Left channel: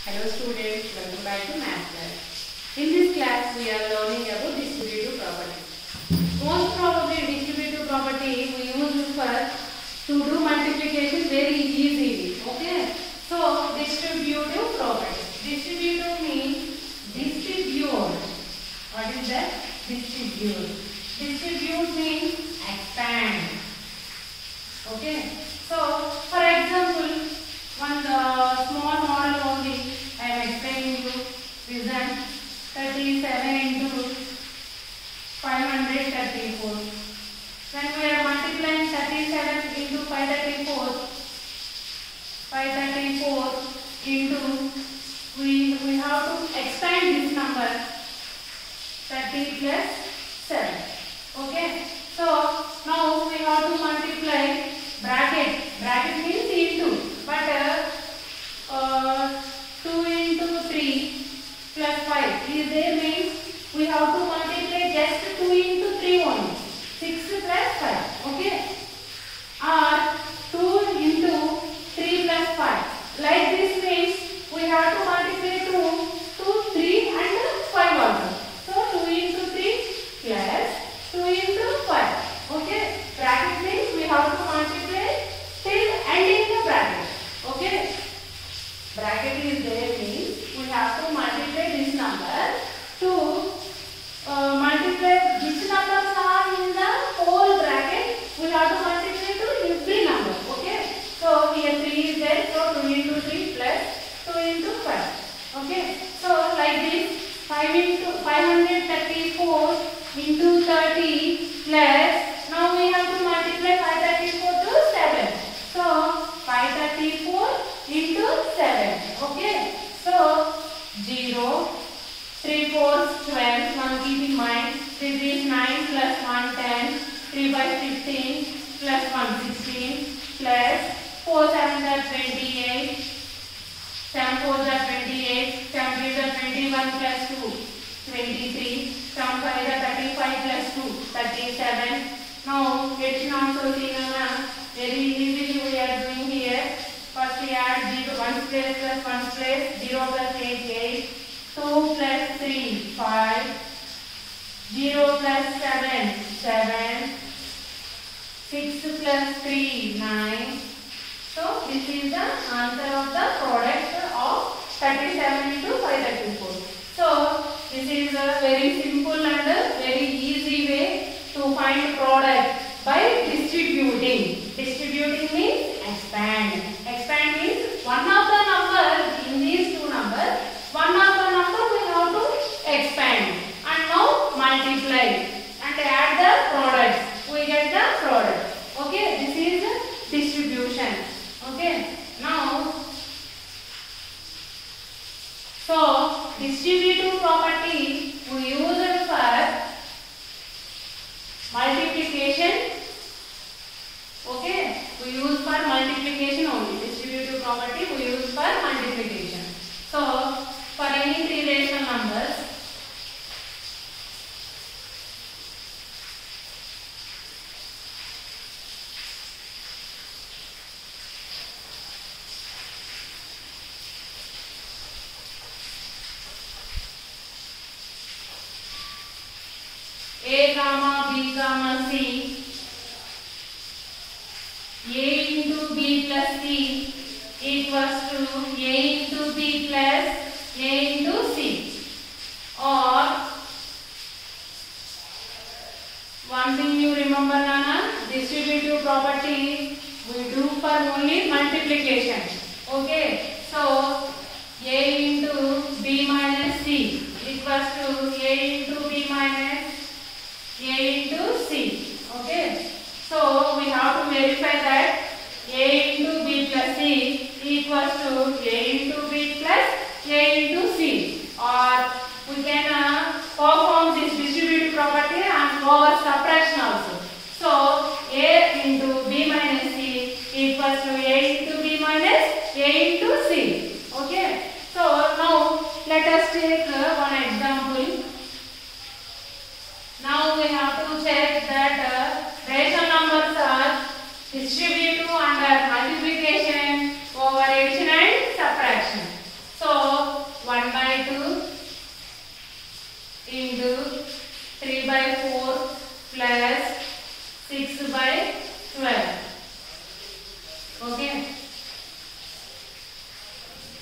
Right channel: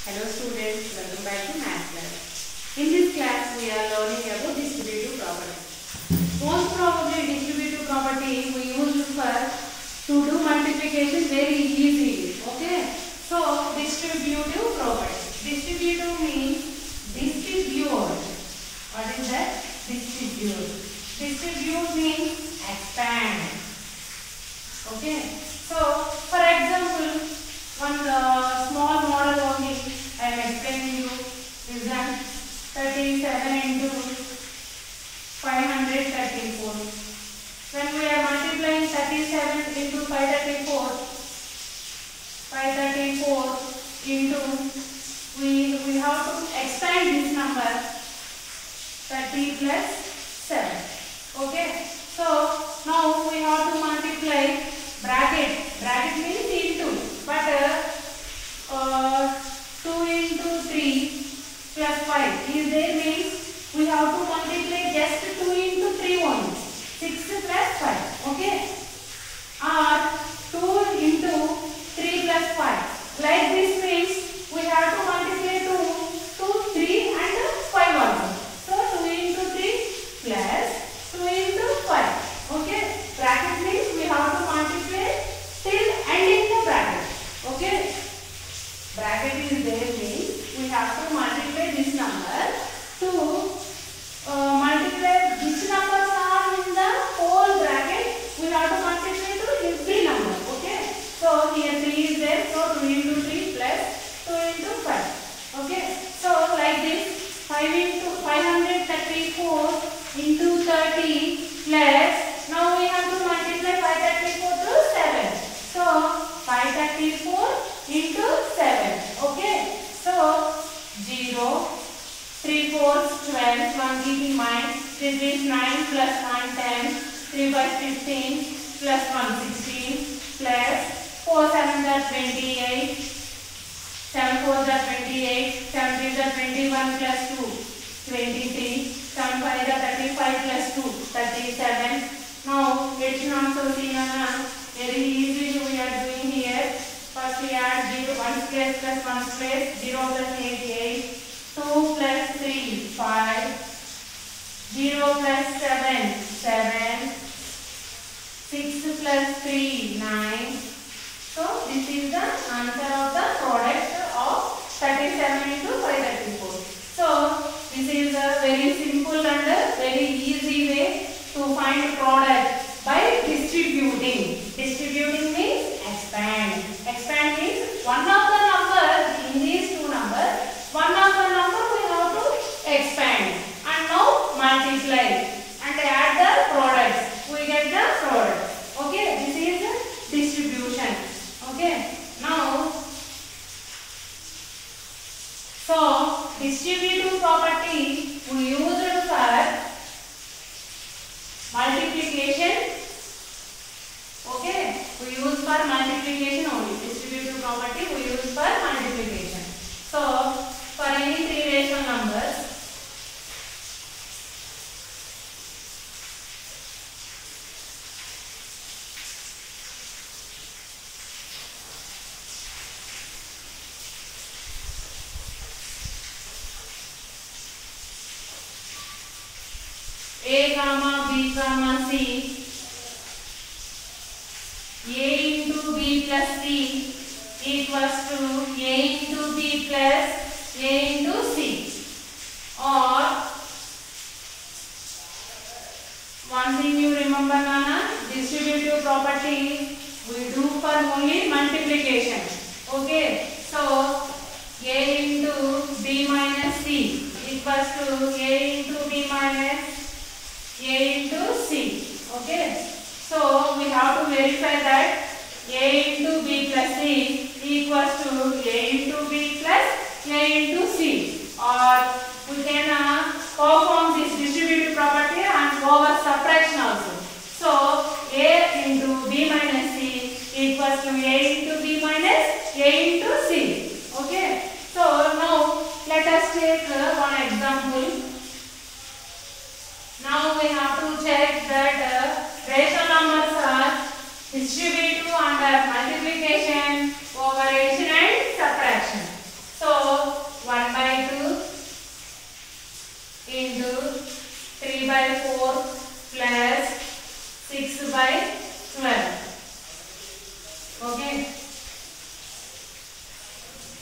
Hello students, welcome back to math class. In this class we are learning about distributive property. Most probably distributive property we use to do multiplication very easily. Okay. So distributive property. Distributive means distribute. What is that? Distribute. Distribute means expand. Okay. So for example, one small model only I am explaining you. Listen, 37 into 534. When we are multiplying 37 into 534 into we have to expand this number 30 plus 7. Okay. So now we have to multiply bracket. Bracket means into. But 2 into 3 plus 5 is there means we have to multiply just 2 into 3 only. 6 plus 5. Okay. Or 2 into 3 plus 5. Like this means we have to multiply 2, 3 and 5 also. So 2 into 3 plus 2 into 5. Okay. Bracket means we have to multiply till ending the bracket. Okay. Bracket is there means we have to multiply this number to multiply which numbers are in the whole bracket. We have to multiply to every number. Okay. So here 3 is there. So 2 into 3 plus 2 into 5. Okay. So like this 5 into 534 into 30 plus now we have to multiply 534 to 7. So 534 into 7. Okay. So 0, 3 4 12. One keep in mind. This is 9 plus 1 10. 3 by 15 plus 1 16 plus 4 7 are 28. 7 4 are 28. 7 3 are 21 plus 2 23. 7 5 are 35 plus 2 37. Now it's not so seen very easily we are doing here. First we add 0 1 place plus 1 place 0 plus 8 8 2 plus 3 5 0 plus 7 7 6 plus 3 9. So this is the answer of the product of 37 into 534. So this is a very simple and very easy way to find product by distributing. Distributing means expand. Expand means one of the numbers in these two numbers, one of the number we have to expand and now multiply and add the products. We get the product. Okay, this is distribution. Okay, now so distributive property we use it for multiplication. Okay, we use for multiplication only. Distributive property we use for multiplication. So for any three rational numbers, A comma B comma C, A into B plus C equals to A into B plus A into C. Or one thing you remember Nana, distributive property we do for only multiplication. Okay, so A into B minus C equals to A into B minus A into C. Okay, so we have to verify that A into B plus C equals to A into B plus A into C. Or we can perform this distributive property and over subtraction also. So A into B minus C equals to A into B minus A into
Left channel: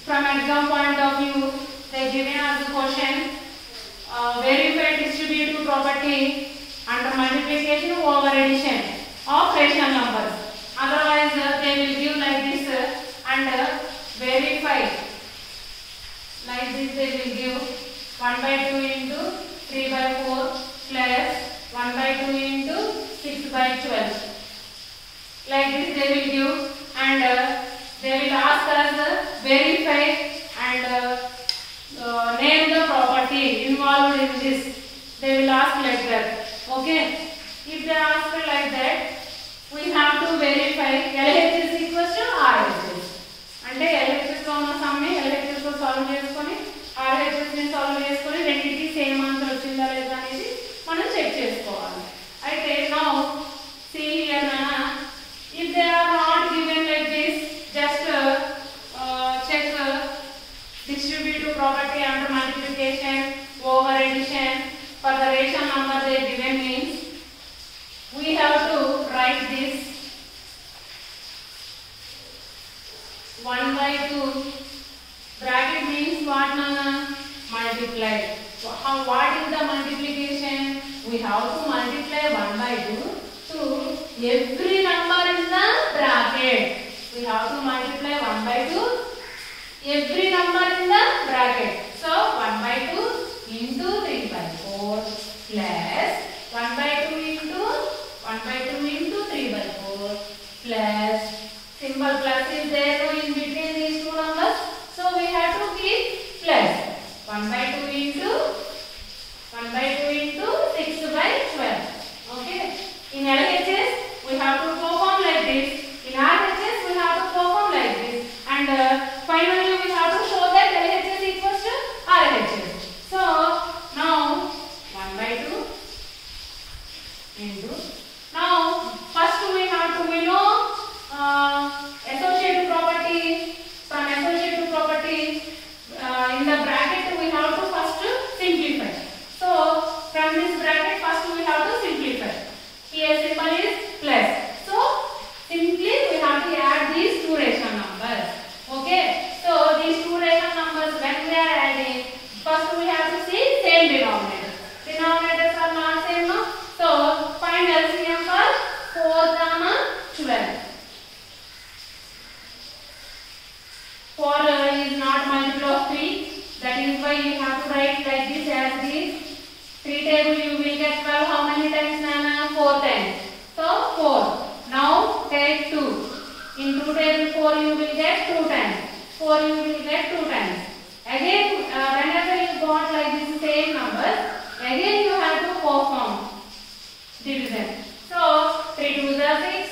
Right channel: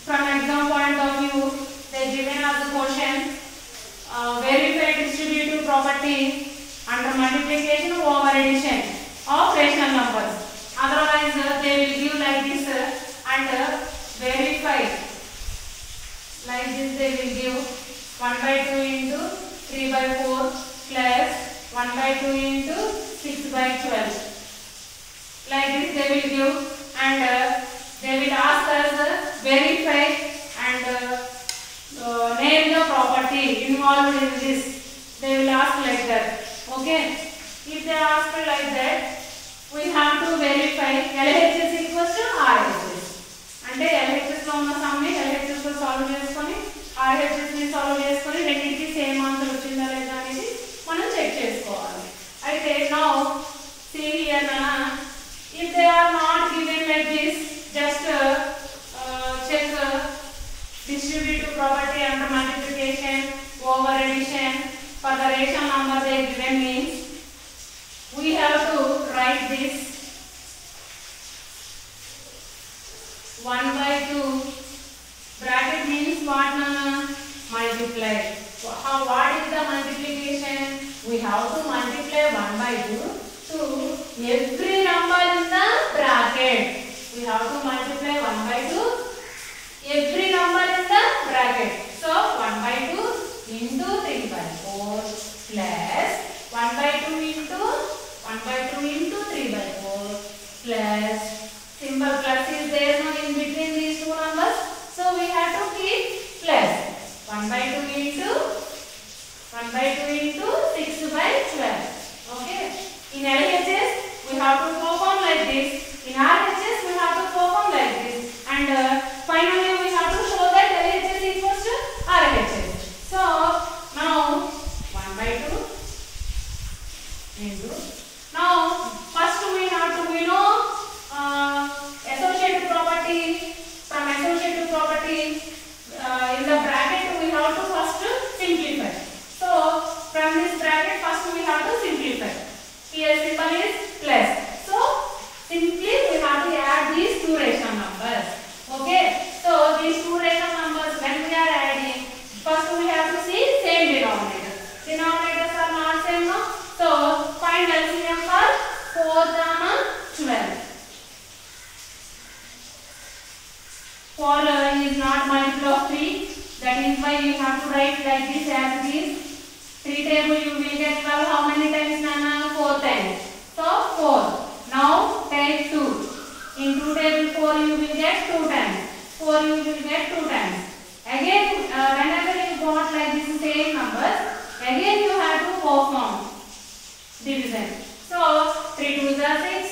from exam point of view, they given us the question, verify distributive property under multiplication over addition of rational numbers. Otherwise, they will give like this and verify like this. They will give 1 by 2 into 3 by 4 plus 1 by 2 into 6 by 12. Like this they will give, and they will ask us verify and name the property involved in this. They will ask like that. Okay. If they ask like that, we have to verify LHS is equals to RHS. అంటే LHS లో ఉన్న some ని LHS లో solve చేసుకొని RHS ని solve చేసుకొని రెండింటికి same answer వచ్చిందా లేదా అనేది మనం చెక్ చేసుకోవాలి. అయితే now see here na, if they are not given like this, just check distributive property under multiplication over addition for the rational number they given means we have to write this 1 by 2 bracket means what na, multiply. What is the multiplication? We have to multiply 1 by 2 to every number in the bracket. We have to multiply 1 by 2 every number in the bracket. So 1 by 2 into 3 by 4 plus 1 by 2 into 1 by 2 into 3 by 4 plus symbol plus is there no in between these two numbers. So we have to keep plus 1 by 2 into 1 by 2 into 6 by 12. Okay. In LHS we have to perform like this. In RHS we have to perform like this. And finally we have to show that LHS equals to RHS. So now 1 by 2 into. Now first we have to know associative property. From associative property in the bracket we have to first simplify. So from this bracket first we have to simplify. Here symbol is plus. So simply we have to add these two rational numbers. Okay. So these two rational numbers when we are adding, first we have to see same denominator. Denominators are not same, no? So find LCM for 4 gamma 12. 4 is not multiple of 3. That is why you have to write like this as this. 3 table you will get 12. How many times, Nana? 4 times. So 4. Now take 2. In 2 table 4 you will get 2 times. 4 you will get 2 times. Again whenever you got like this same numbers, again you have to perform division. So 3 2s are 6.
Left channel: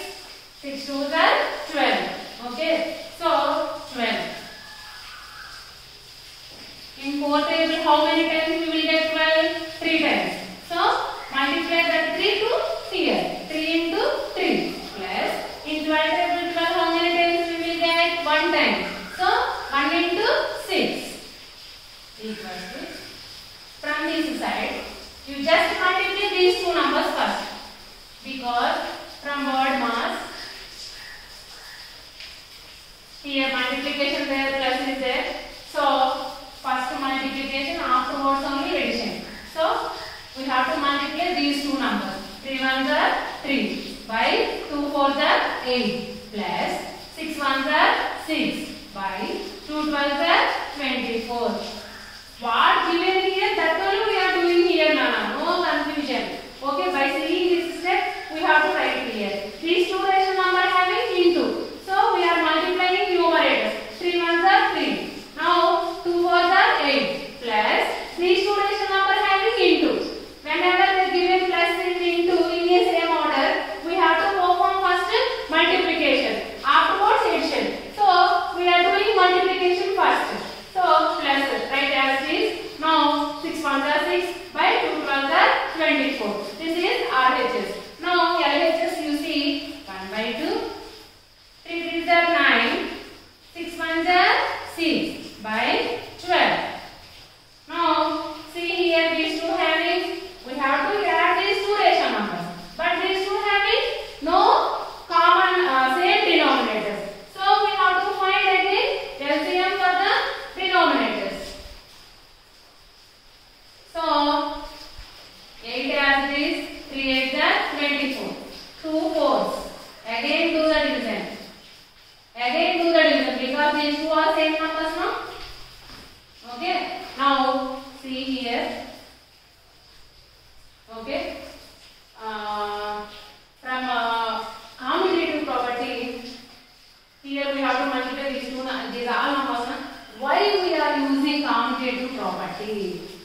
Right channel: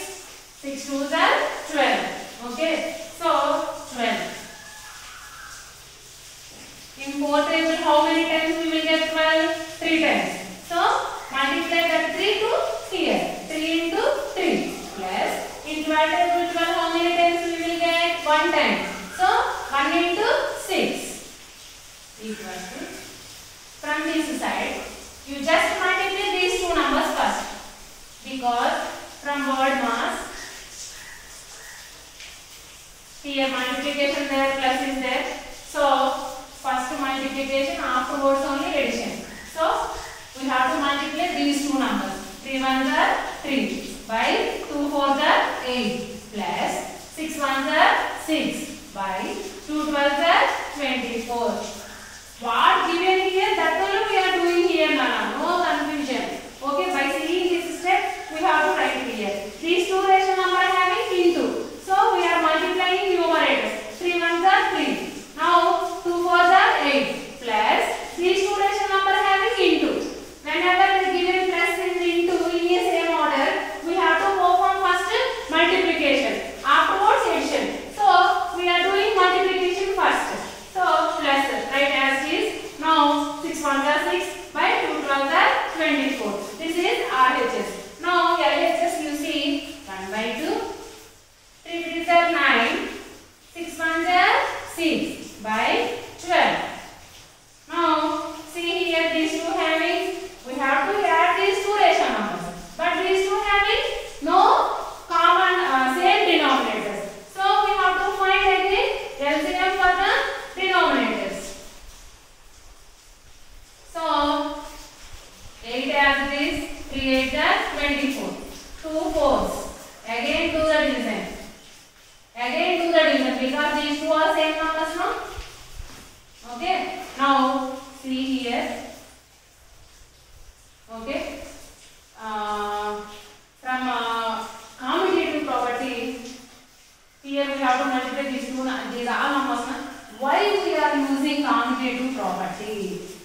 6 2s are 12. Okay. So 12. In 4 table how many times you will get 12? 3 times. So multiply that 3 to here. 3 into 3 plus in 12 table 12 how many times we will get? 1 time. So 1 into 6 equals to, from this side you just multiply these two numbers first, because from word mass here multiplication there, plus is there. So first multiplication, afterwards only addition. So we have to multiply these two numbers. 3 1s are 3 by 2 4s are 8 plus 6 1s are 6 by 2 12s are 24. What given here, that only we are doing here, Nana. No confusion. Okay, by seeing this step we have to write here. These two rational numbers having into. So we are multiplying numerators. 3 1s are 3. Now 2 4s are 8 plus these two rational numbers having into. Whenever they given plus and into in a same order, we have to perform first multiplication, afterwards addition. So we are doing multiplication first. So plus right as is. Now using commutative property.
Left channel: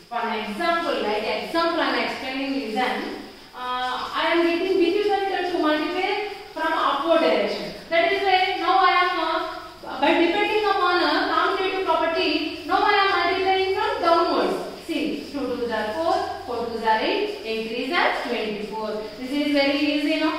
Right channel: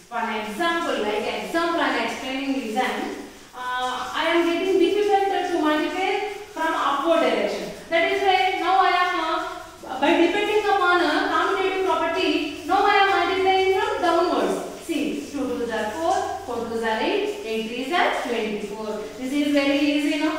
For an example, like example I am explaining is I am getting difficult to multiply from upward direction. That is why now I am by depending upon a commutative property, now I am multiplying from downwards. See, 2 2s are 4, 4 2s are 8, 8 3s are 24. This is very easy, no?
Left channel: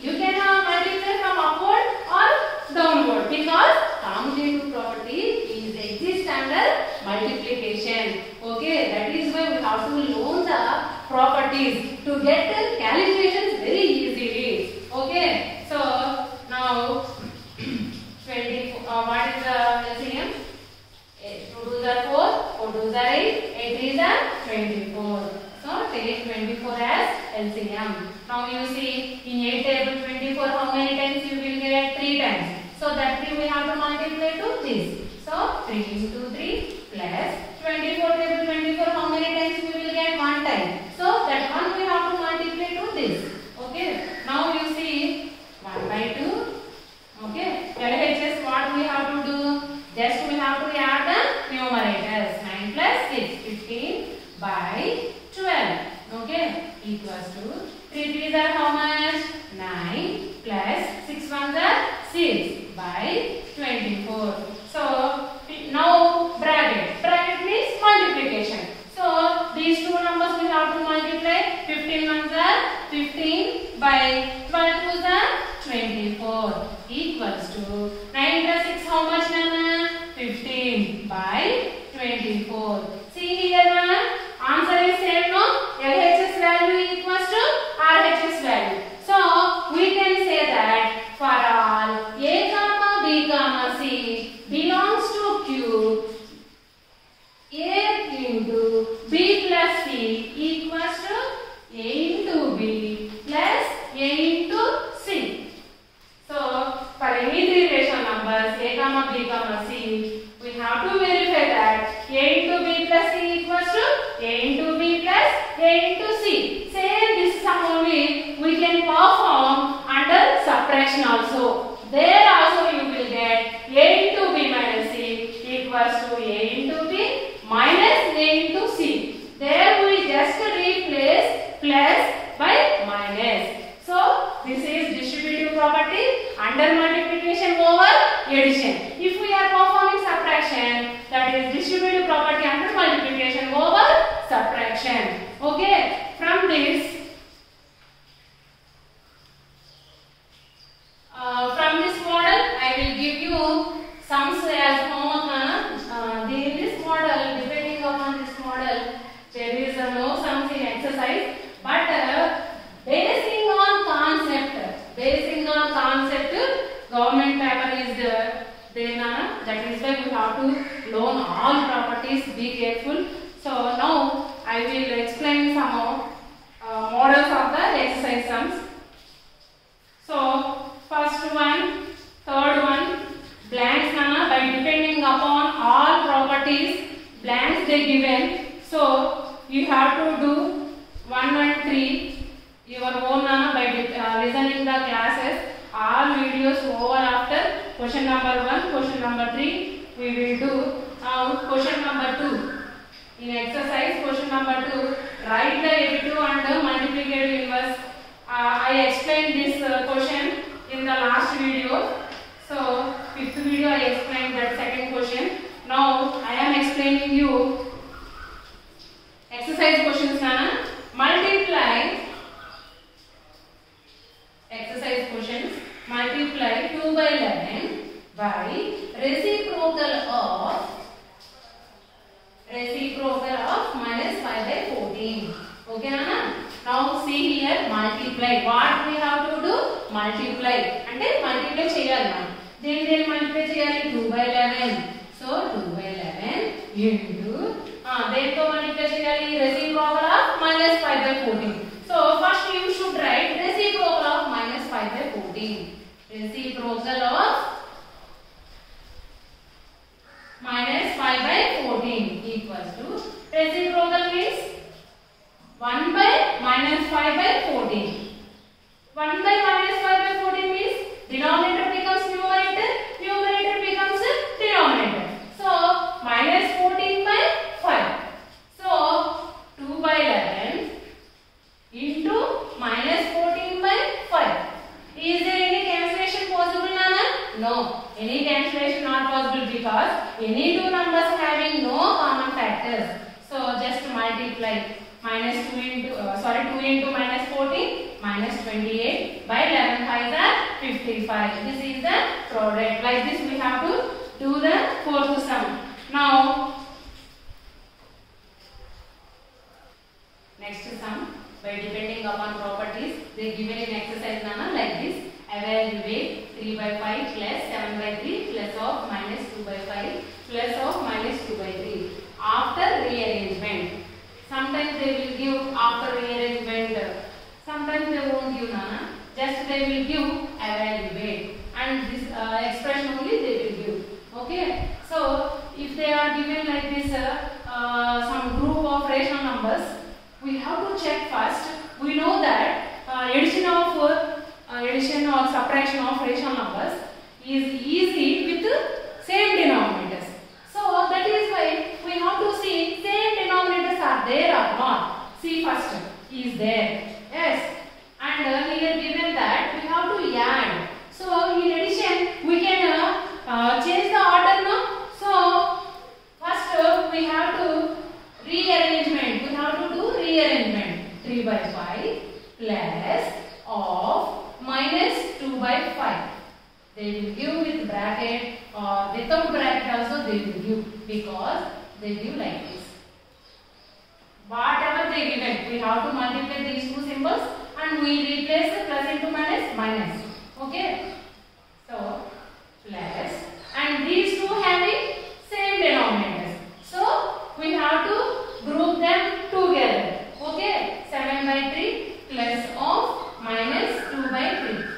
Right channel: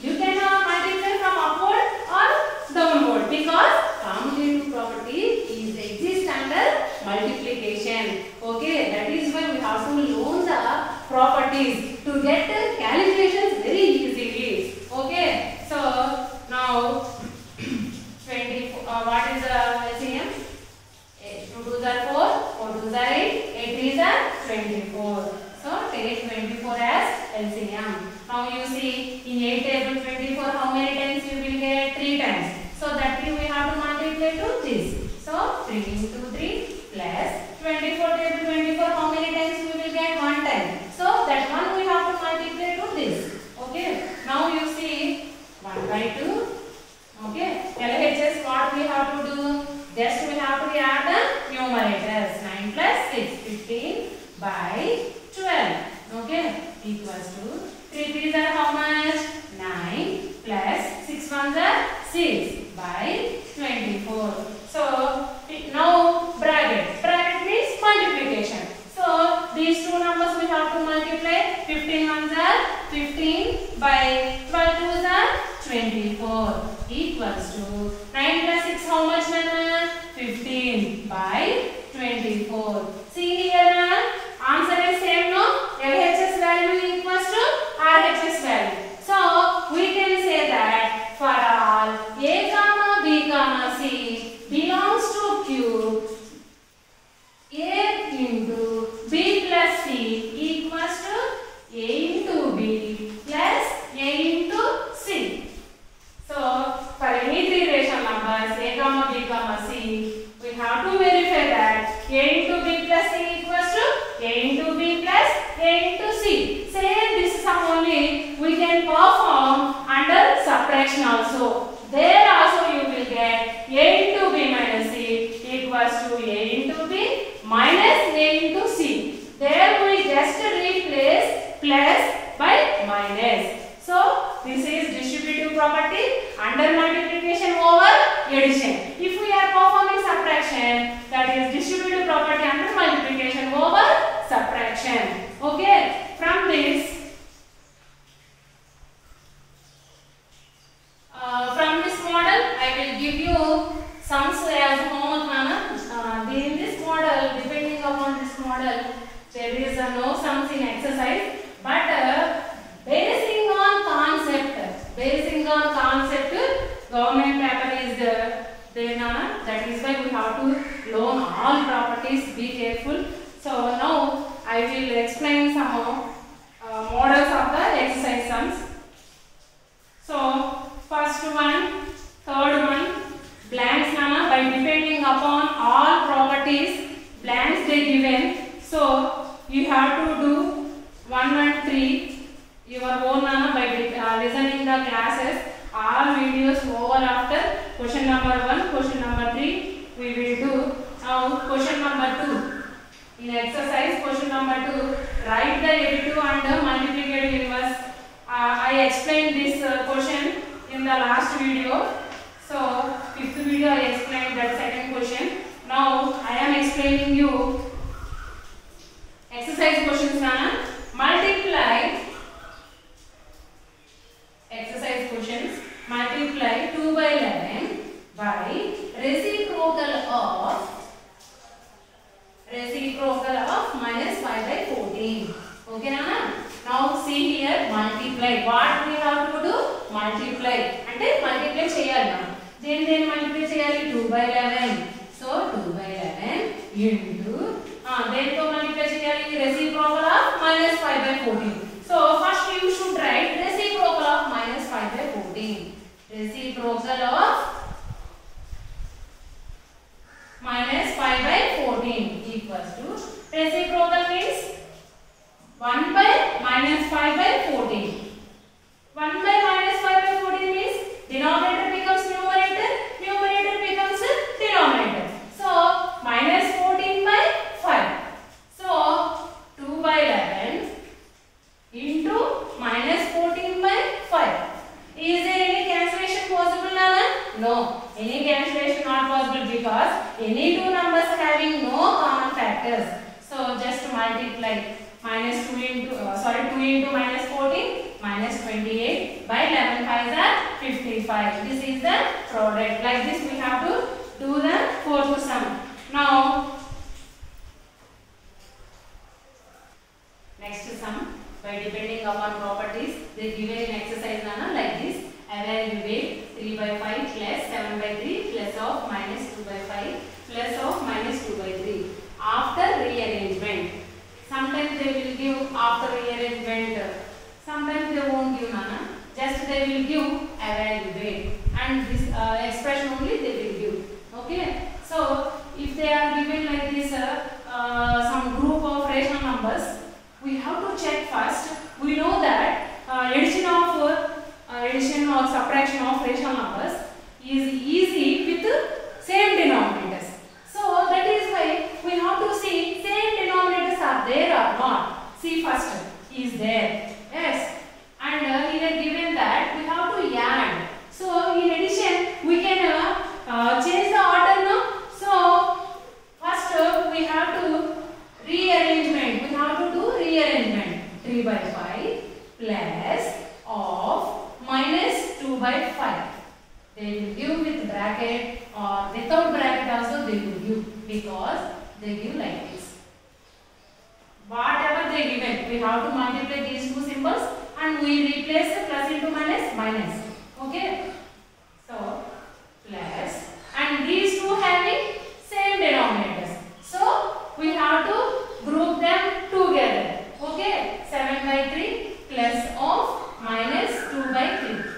You can multiply from upward or downward because commutative property is exist under multiplication. Okay, that is why we have to learn the properties to get calculations very easily. Okay, so now 24. What is the LCM? 2 2s are 4, 4 2s are 8, 8 3s are 24. So take 24 as LCM. Now you see in 8 table 24 how many times you will get? 3 times. So that 3 we have to multiply to this. So 3 into 3 plus 24 table 24 how many times we will get? 1 time. So that 1 we have to multiply to this. Okay. Now you see 1 by 2. Okay. LHS what we have to do? Just we have to add the numerators. 9 plus 6, 15 by 12. Okay. Equals to 3 3s are how much? 9 plus 6 1s are 6 by 24. So now bracket. Bracket means multiplication. So these two numbers we have to multiply. 15 1s are 15 by 12 2s are 24 equals to 9 plus 6 how much, Nana? 15 by 24. See here, answer is same, no? LHS value equals to RHS value. So we can say that for all A comma B comma C belongs to Q, A into B plus C equals to A into B plus A into C. So for any three rational numbers A comma B comma C, we have to verify that A into B plus C equals to A into B plus A into C. Same this sum only we can perform under subtraction also. There also you will get A into B minus C equals to A into B minus A into C. There we just replace plus by minus. So this is distributive property under multiplication over addition. If we are performing subtraction, that is distributive property under multiplication over subtraction. Okay, from this model I will give you sums as homework. In this model, depending upon this model, there is no sums in exercise, but basing on concept, government paper is there, Nana. That is why you have to learn all properties. Be careful. So now I will explain some models of the exercise sums. So first one, third one, blanks, Nana. By depending upon all properties, blanks they given. So you have to do 1 and 3. Your own, Nana, by listening the classes, all videos over after question number 1, question number 3 we will do. Now question number 2. In exercise question number 2, write the additive and multiplicative inverse. I explained this question in the last video. So fifth video I explained that second question. Now I am explaining you exercise questions, Nana. Multiply exercise questions. Multiply 2 by 11 by reciprocal of minus 5 by 14. Okay, Nana? Now see here, multiply. What we have to do? Multiply. And multiply cheyali na. Then multiply cheyali 2 by 11. So 2 by 11 into then to multiply cheyali reciprocal of minus 5 by 14. So first you should write reciprocal of minus 5 by 14. Reciprocal of minus 5 by 14 equals to, reciprocal means 1 by minus 5 by 14. 1 by minus 5 by 14 means denominator becomes numerator, numerator becomes denominator. So minus 14 factors. So just multiply minus 2 into 2 into minus 14 minus 28 by 11 5s are 55. This is the product. Like this we have to do the fourth sum. Now next sum, by depending upon properties they given in exercise like this. Evaluate 3 by 5 plus 7 by 3 plus of minus 2 by 5 plus of minus 2 by 3 after rearrangement. Sometimes they will give after rearrangement, sometimes they won't give nana, just they will give evaluate, and this expression only they will give. Okay, so if they are given like this some group of rational numbers, we have to check first. We know that addition or subtraction of rational numbers is easy with same denominators. So that is why we have to see same denominators are there or not. See first, is there? Yes. And here given that we have to add. So in addition we can change the order now. So first we have to rearrangement. We have to do rearrangement. 3 by 5 plus of minus 2 by 5. They will give with bracket or without bracket also they will give, because they give like this. Whatever they given, we have to multiply these two symbols and we replace the plus into minus minus. Okay. So plus, and these two having same denominators. So we have to group them together. Okay. 7 by 3 plus of minus 2 by 3.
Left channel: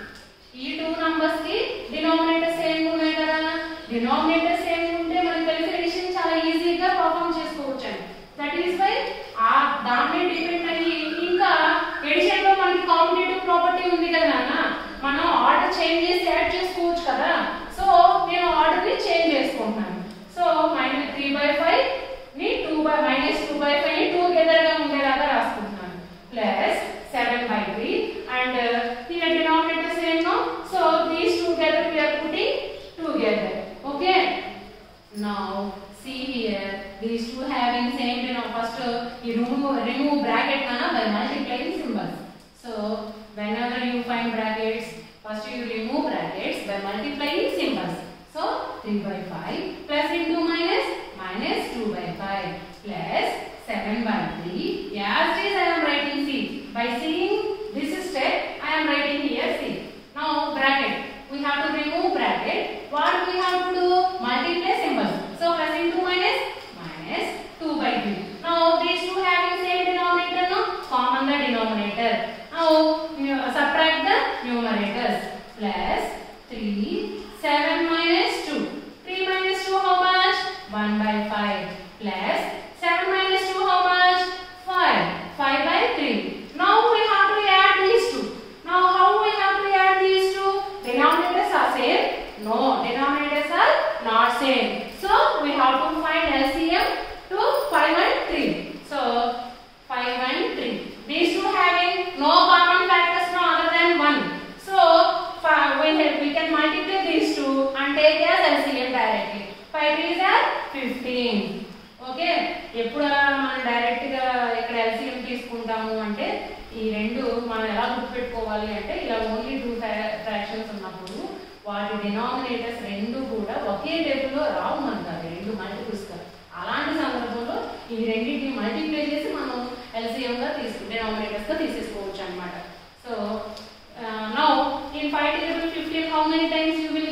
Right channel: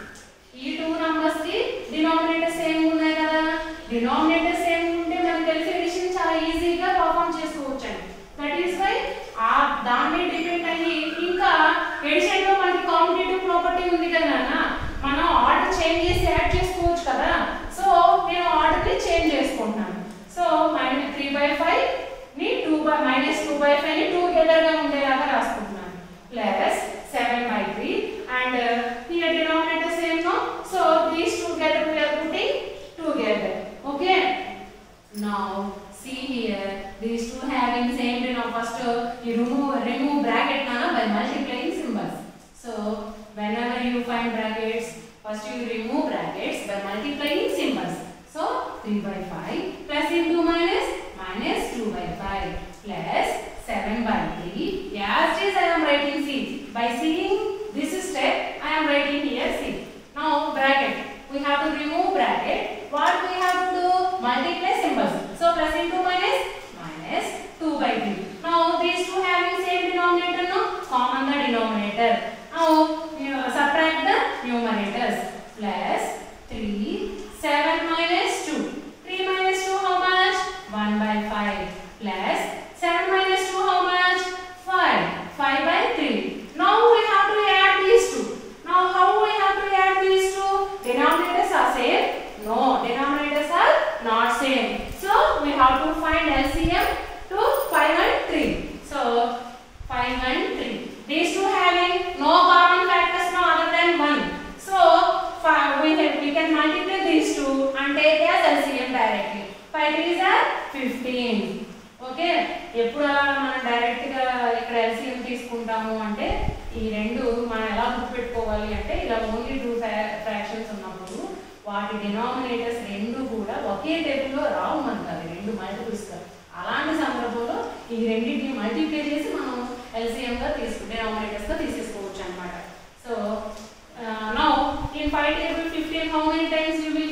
ఈ two numbers కి denominator same ఉన్నాయి కదా. Denominator same ఉంటే మనకి తెలిసి edition చాలా ఈజీగా perform చేసుకోవచ్చు అండి. దట్ ఈస్ వై దాన్ని డిపెండ్ అయ్యి ఇంకా ఎడిషన్ లో మనకి కాంపిటేటివ్ ప్రాపర్టీ ఉంది కదా నాన్న, మనం ఆర్డర్ చేంజ్ చేసి యాడ్ చేసుకోవచ్చు కదా. సో నేను ఆర్డర్ ని చేంజ్ చేసుకుంటున్నాను. సో -3/5 ని 2/5 ని టుగెదర్ గా ఉండేలాగా రాసుకుంటున్నాను. Plus 7/3 and here denominator same no, so these two together we are putting together. Okay, now see here these two having same denominator. First you remove bracket nana by multiplying symbols. So whenever you find brackets, first you remove brackets by multiplying symbols. So 3 by 5 plus into minus 2 by 5 plus 7 by 3. As it is I am writing C. By seeing this step I am writing here C. Now bracket, we have to remove bracket. What we have to do? Multiply symbols. So plus into minus 2 by 3. Now these two having same denominator, no, common the denominator. Now subtract the numerators. Plus 3 7 minus 2. 3 minus 2 how much? 1 by 5 plus 7 minus 2 how much? 5 by 3. Now we have to add these two. Now how we have to add these two? Denominators are same? No, denominators are not same. So we have to find LCM to 5 and 3. So 5 and 3. These two having no common factors no other than 1. So we can multiply these two and take as LCM directly. 5 3s are 15. Okay, ఎప్పుడు మనం direct గా ఇక్కడ LCM తీసుకుంటాము అంటే ఈ రెండు మనం ఎలా గుర్తుపెట్టుకోవాలి అంటే ఇలా ఓన్లీ 2 ఫ్రాక్షన్స్ ఉన్నప్పుడు వాటి డినామినేటర్స్ రెండు కూడా ఒకే టేబుల్లో రావు మనకు, అవి రెండు మల్టిపుల్స్ గా. అలాంటి సందర్భంలో ఈ రెండింటిని మల్టిప్లై చేసి మనం ఎల్సిఎం గా డినామినేటర్స్ గా తీసేసుకోవచ్చు అన్నమాట. So now in 5 table 15 how many times you will